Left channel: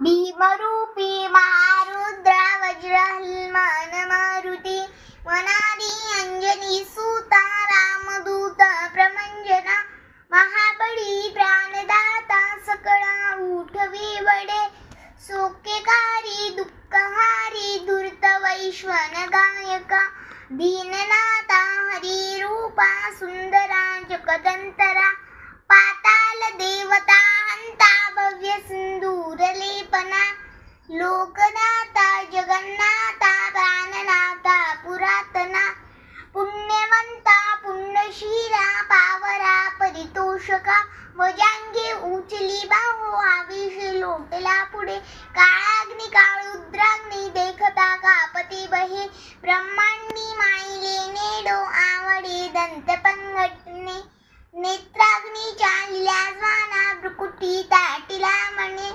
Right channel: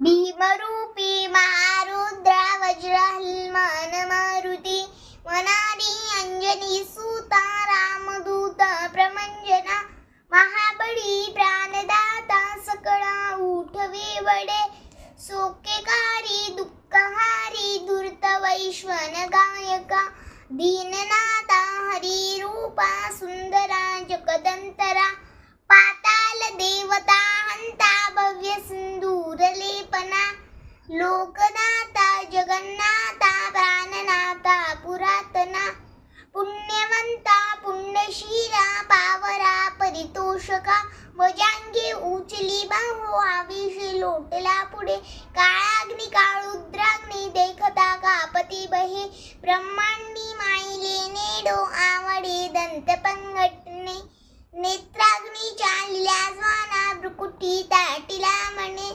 भीमरूपी महारुद्रा वज्रहनुमान मारुती वनादी अंजनी सुता रामदूत प्रमंजना महाबळी प्राणदाता सकळा उठवी वडे सोकेकारी दुःखहारी धूर्त वैश्वन गायका दीननाथा हरी रूपा सुंदरा जगदंतरा पाताल देवता हंता भव्य सिंदूर लेपना लोकनाथा जगन्नाथा प्राणनाथा पुरातना पुण्यवंता पुण्यशीला पावरा परितोषका वजांगे उचली बाहो आविषे लोटला पुढे काळाग्नी काळुद्राग्नी देखता कापती बहे ब्रह्मांडी माईले नेडो आवडे दंत पंगटणे नेत्राग्नी चालिला ज्वाना भ्रुकुटी ताटिला म्हणे